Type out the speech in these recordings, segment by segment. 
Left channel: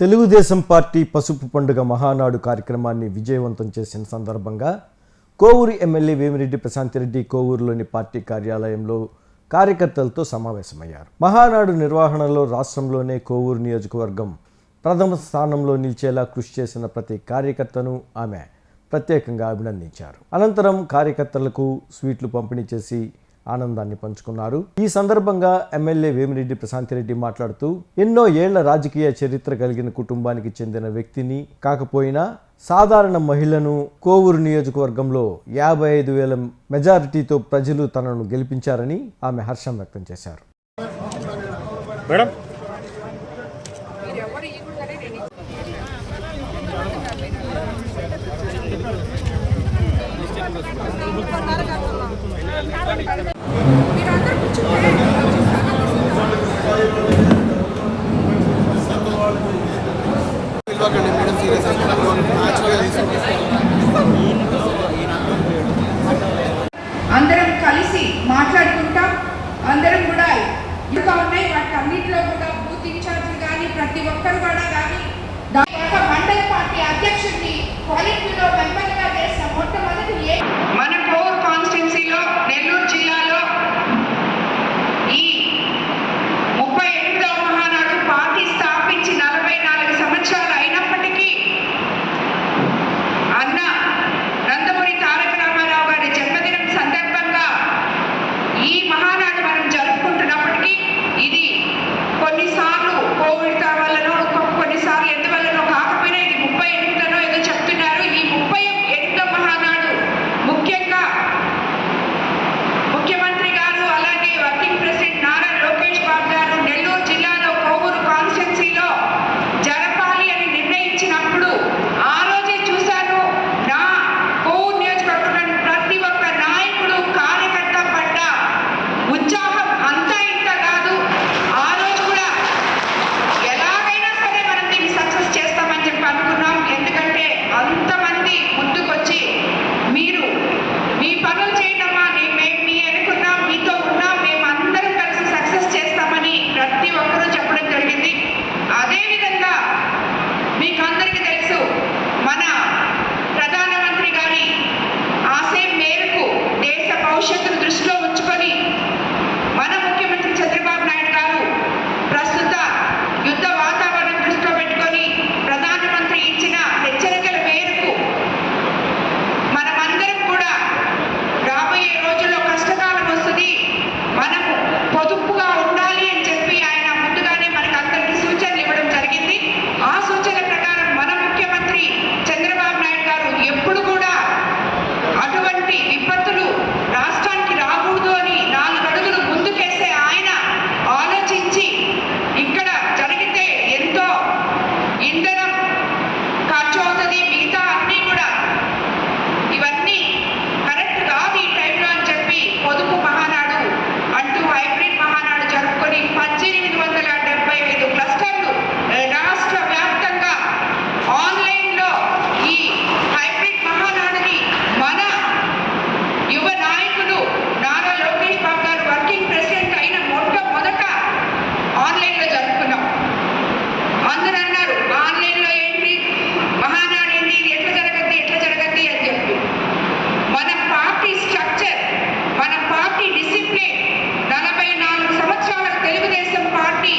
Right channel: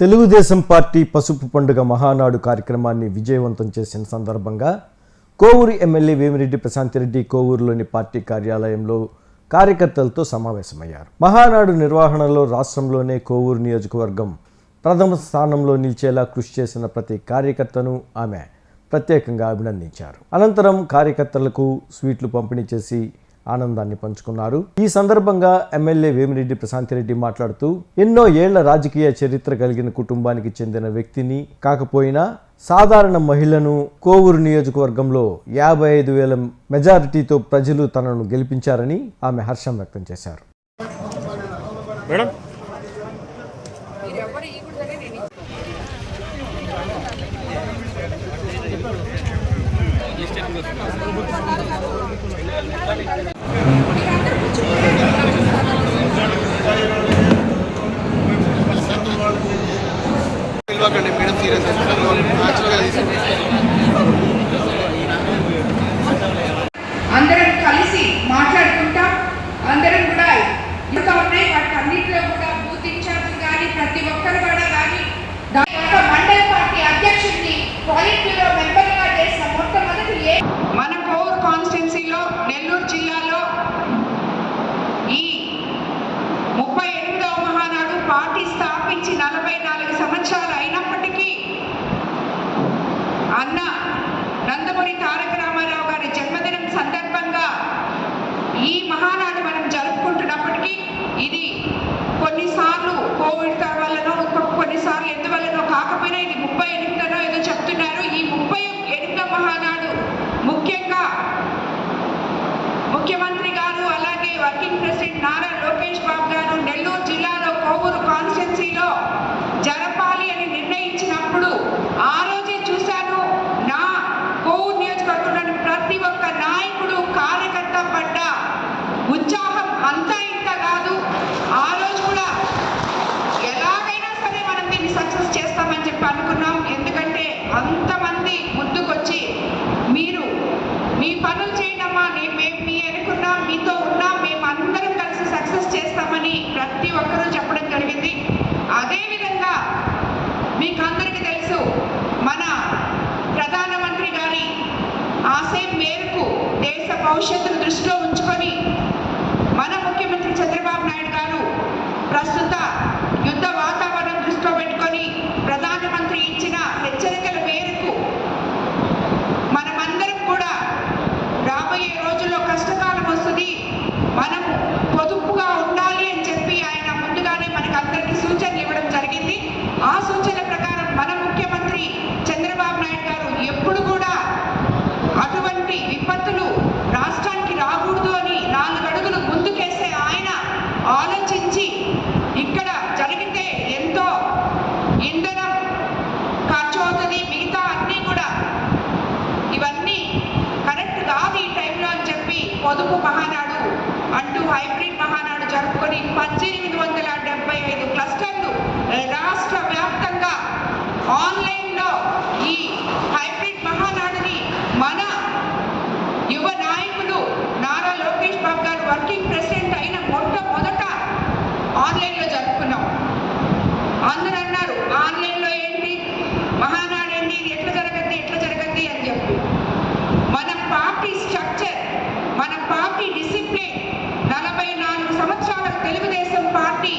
Telugu Desam party పసుపు పండుగ మహానాడు కార్యక్రమాన్ని విజయవంతం చేసిన సందర్భంగా కోవూరు ఎమ్మెల్యే వేమిరెడ్డి ప్రశాంతిరెడ్డి కోవూరులోని పార్టీ కార్యాలయంలో కార్యకర్తలతో సమావేశమయ్యారు. మహానాడు నిర్వహణలో రాష్ట్రంలోనే కోవూరు నియోజకవర్గం ప్రథమ స్థానంలో నిలిచేలా కృషి చేసిన ప్రతి కార్యకర్తను ఆమె ప్రత్యేకంగా అభినందించారు. అనంతరం కార్యకర్తలకు స్వీట్లు పంపిణీ చేసి ఆనందాన్ని పంచుకున్నారు. ఈ సందర్భంగా ఎమ్మెల్యే వేమిరెడ్డి ప్రశాంతిరెడ్డి మాట్లాడుతూ, ఎన్నో ఏళ్ల రాజకీయ చరిత్ర కలిగిన కుటుంబానికి చెందిన వ్యక్తిని కాకపోయినా సాధారణ మహిళను కోవూరు నియోజకవర్గంలో 55,000 మెజారిటీతో ప్రజలు తనను గెలిపించారని ఆమె హర్షం వ్యక్తం చేశారు. అందరం కలిసి మాట్లాడుకుంటాం. అందరం కూడా ఇంకా ఉన్నాయి. వాటి అన్నింటిలో కూడా బూత్ ఇన్ఛార్జ్ కానీ ప్రతి ఒక్కరు కూడా కానీ ఒక మండల పార్టీ అధ్యక్షుడిని పాలిట్ బ్యూరో మెంబర్గా చేసిన మొట్టమొదటి మన కోవూరు కాన్స్టిట్యున్సీలో నెల్లూరు జిల్లాలో ఈ 38వ మహానాడు పార్టీ స్థాపించి 44 సంవత్సరాలు అయినప్పటికీ అన్న నందమూరి తారక రామారావు గారి జన్మదినం సందర్భంగా ఈ మహానాడు మనం జరుపుకుంటున్నప్పటికీ ఇది కొన్నిసార్లు కోవిడ్ వల్లనో కొన్నిసార్లు ఎందువల్లనో కాకపోయినా ఇది 38వ ఏదో చెప్తున్నారు. ఈ 38వ మహానాడు ముఖ్యంగా ముఖ్యమంత్రి గారు అలాగే వర్కింగ్ ప్రెసిడెంట్ నారా లోకేష్ బాబు గారు నెల్లూరు జిల్లాలో కోవూరు కాన్స్టిట్యున్సీలో జరపాలి అని నిర్ణయించినప్పుడు ఆ రోజే చూశాను. నా కోవూరు నియోజకవర్గంలోని ప్రతి ఒక్క నాయకుడు కార్యకర్త పడ్డ ఉత్సాహం అంతా ఇంత కాదు. ఆ రోజు కూడా ఎలాగైనా సరే మనం దీన్ని సక్సెస్ చేస్తామని చెప్పి అనుకున్నాం. ఎందుకంటే అంతమంది ముందుకొచ్చి మీరు మీ పనులు చేయటమా, మేము మీ అనుకున్నాం, మీతో ఉన్నాం, మేము అందరం కలిసి సక్సెస్ చేస్తామని ప్రతి ఒక్కరూ చెప్పడం జరిగింది. అదేవిధంగా మీకు అందరికీ తెలుసు, మన ప్రధానమంత్రి గారి ఆశయం మేరకు దేశ భవిష్యత్తును దృష్టిలో ఉంచుకొని మన ముఖ్యమంత్రి చంద్రబాబు నాయుడు గారు ప్రస్తుత యుద్ధ వాతావరణం దృష్టిలో పెట్టుకొని ప్రధానమంత్రి ఇచ్చిన హెచ్చరికల మేరకు మనమందరం కూడా రాబోయే రోజుల్లో కష్టకాలం వస్తుంది, మనము పొదుపుగా ఉండాలి అని చెప్పి ఆయన ముందుగానే మనకు అందరికీ సూచనలు ఇవ్వడం జరిగింది. ఆ సూచనల ప్రకారం మన ముఖ్యమంత్రి చంద్రబాబు నాయుడు గారు ఎప్పుడు కూడా అటువంటి విపత్తులు రాష్ట్రానికి రాకూడదు అని 4 అడుగులు ముందుకేసే ఆయన ఆలోచించి ఇక్కడ జరిగితే ఎంతో ఇంధనం ఖర్చు అవుతుంది, మిగతా అన్నీ కూడా ఇవన్నీ కరెక్ట్ కాదు ఈ టైంలో అని చెప్పి పొదుపు మహానాడు అంటూ హైబ్రిడ్ మహానాడు జరుపుకొని 1875 క్లస్టర్లు రాష్ట్ర వ్యాప్తంగా ఆన్లైన్లో ఈ హైబ్రిడ్ మహానాడుని మన యువ నాయకులు నారా లోకేష్ బాబు గారు వర్కింగ్ ప్రెసిడెంట్ అయిన మొట్టమొదట ఆన్లైన్లో జరుపుకున్నాం. అందరూ అన్నారు ఆన్లైన్లో ఏంటి, మహానాడు ఏంటి, ఇది ఎట్లా జరగద్ది అని చెప్పి. మన పార్టీ స్ట్రక్చర్, మన పార్టీ డిసిప్లిన్, 44 సంవత్సరాల Telugu Desam party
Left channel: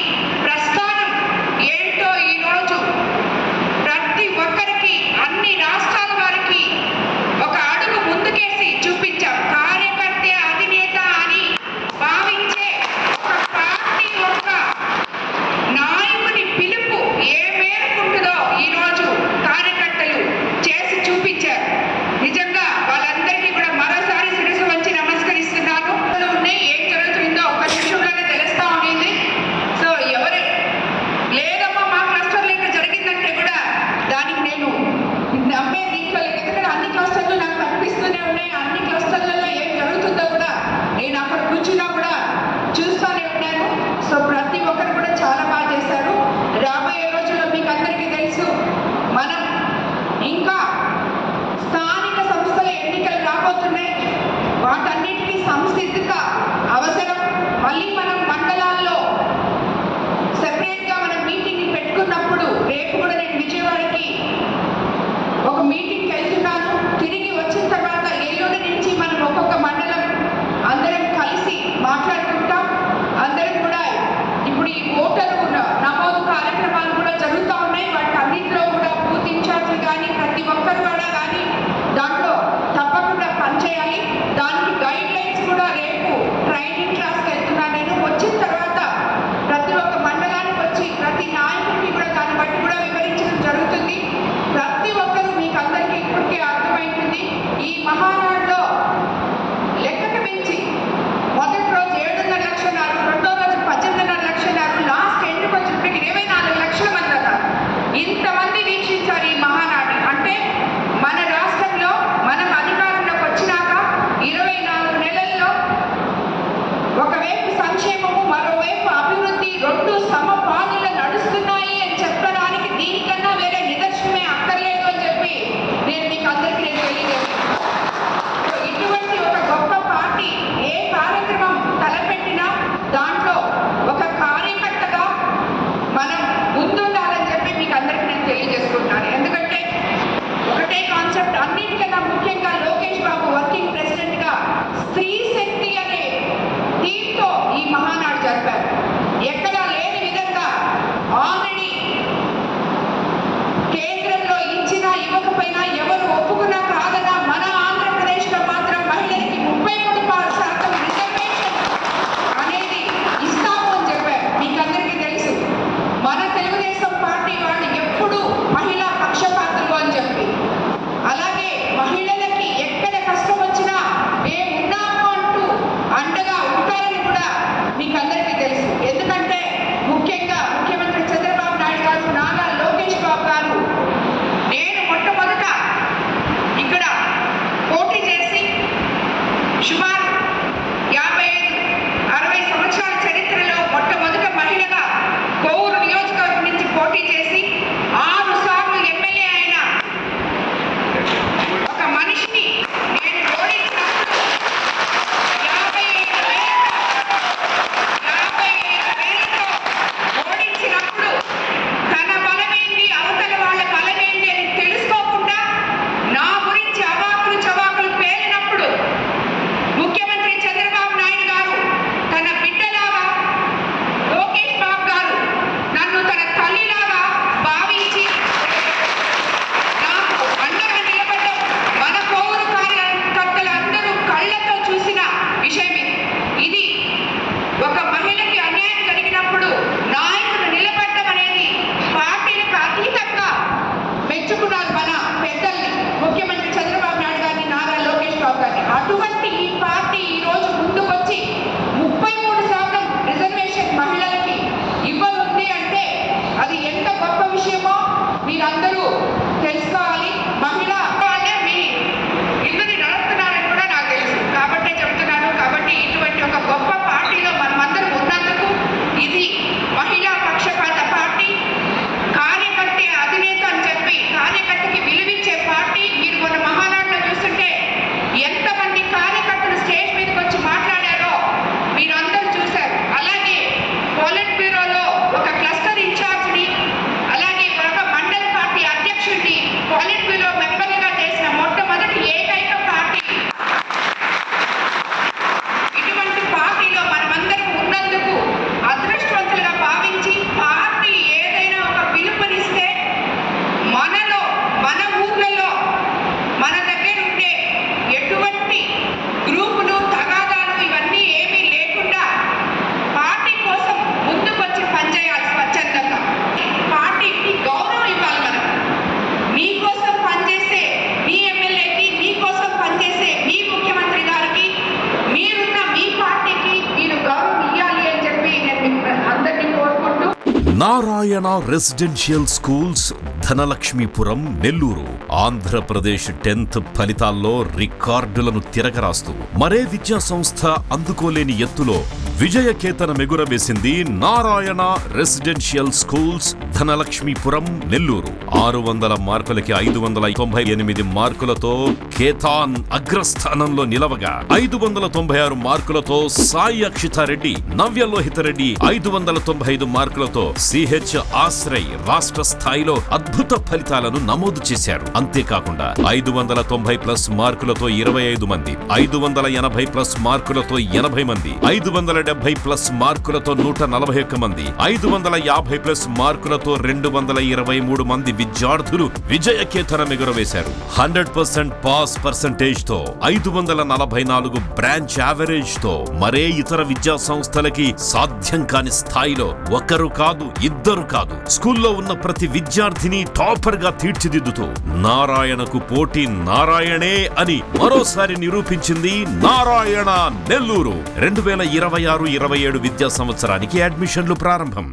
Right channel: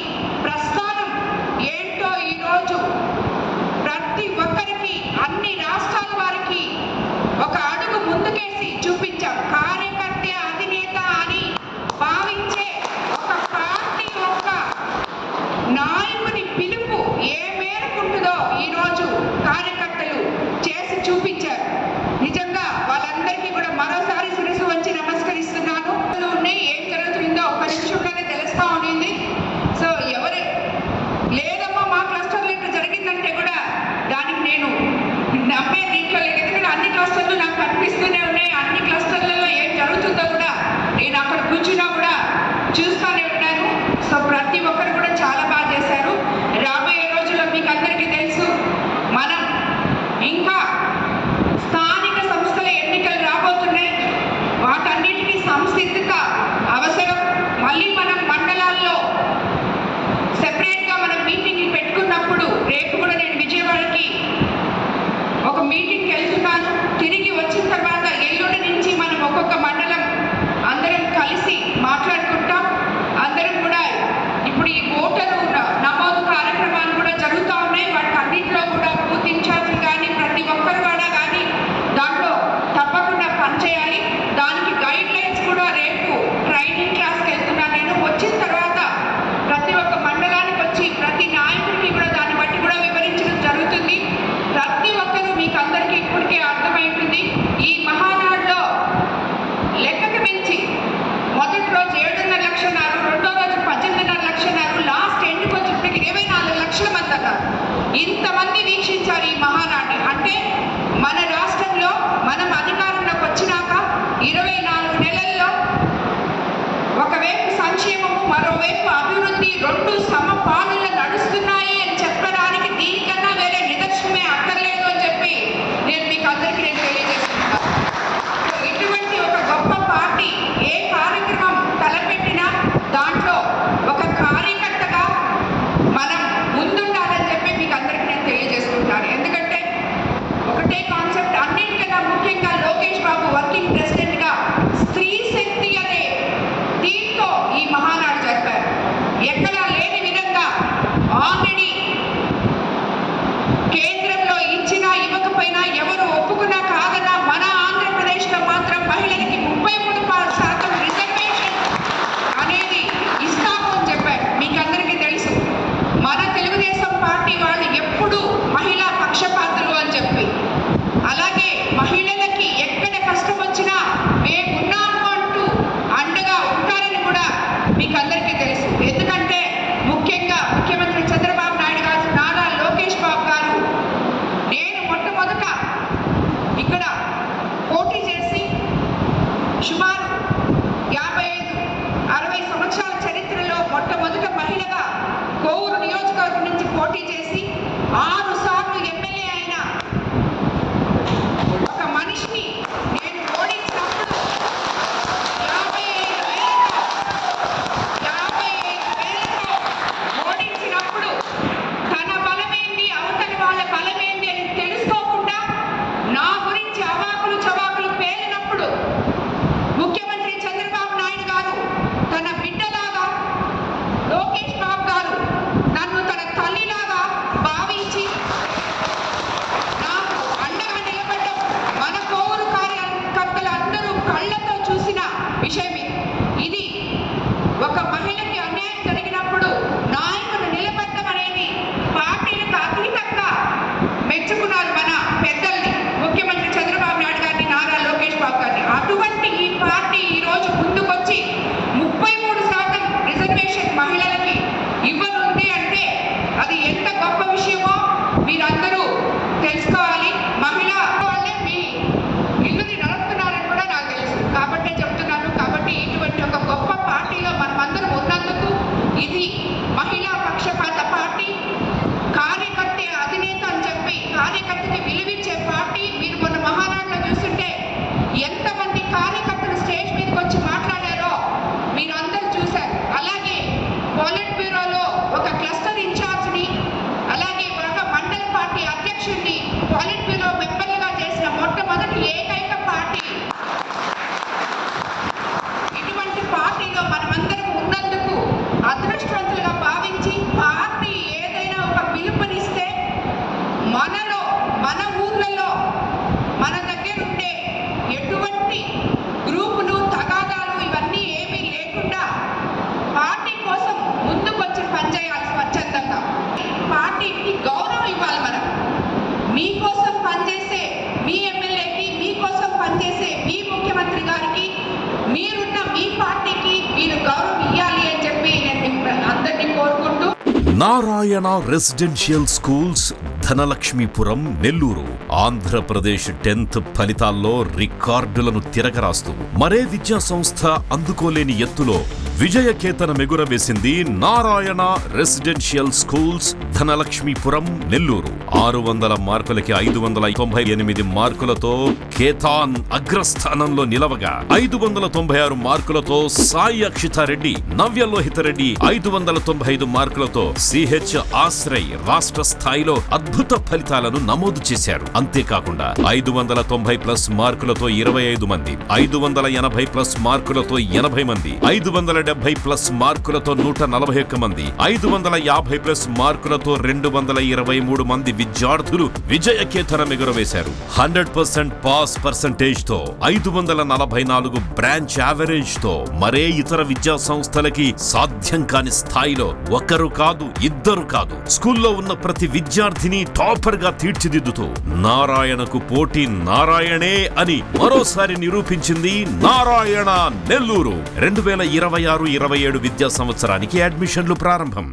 Narayana residential schools Dhanalakshmipuram Nellore Andhra Pradesh 10th ఫలితాల్లో రికార్డులను తిరగరాస్తూ మరే విద్యా సంస్థ అందుకోలేని ఎత్తులో విజయకేతనం ఎగురవేసింది నారాయణ రెసిడెన్షియల్ స్కూల్స్ ధనలక్ష్మీపురం నెల్లూరు 600 మార్కులకి 598 మార్కులతో కేతాన్ అగ్రస్థానంలో నిలవగా 596 మార్కులతో సాయి అక్షితారెడ్డి, నవ్యలోహితరెడ్డి 595 మార్కులతో సిహెచ్ ఆశ్రయ్ రాష్ట్ర స్థాయిలో అద్భుత ఫలితాలను నమోదు చేశారు. అంతేకాకుండా 590+ మార్కులతో 25 మంది, 580+ మార్కులతో 80 మంది, 570+ మార్కులతో 141 మంది, 550+ మార్కులతో 223 మంది విద్యార్థులు విజయకేతనం ఎగురవేశారు. 100% పాస్ పర్సెంటేజ్ తో 544 బ్రాంచ్ యావరేజ్ తో మరే ఇతర విద్యా సంస్థలకి సాధ్యం కాని స్థాయిలో ఒకరు కాదు, ఇద్దరు కాదు, స్కూల్లో ఉన్న ప్రతి విద్యార్థిని టాపర్ గా తీర్చిదిద్దుతూ నారాయణకు పోటీ నారాయణే అని మరోసారి నిరూపించింది నారాయణ నెల్లూరు. 2026-27 విద్యా సంవత్సరానికి అడ్మిషన్లు ప్రారంభం.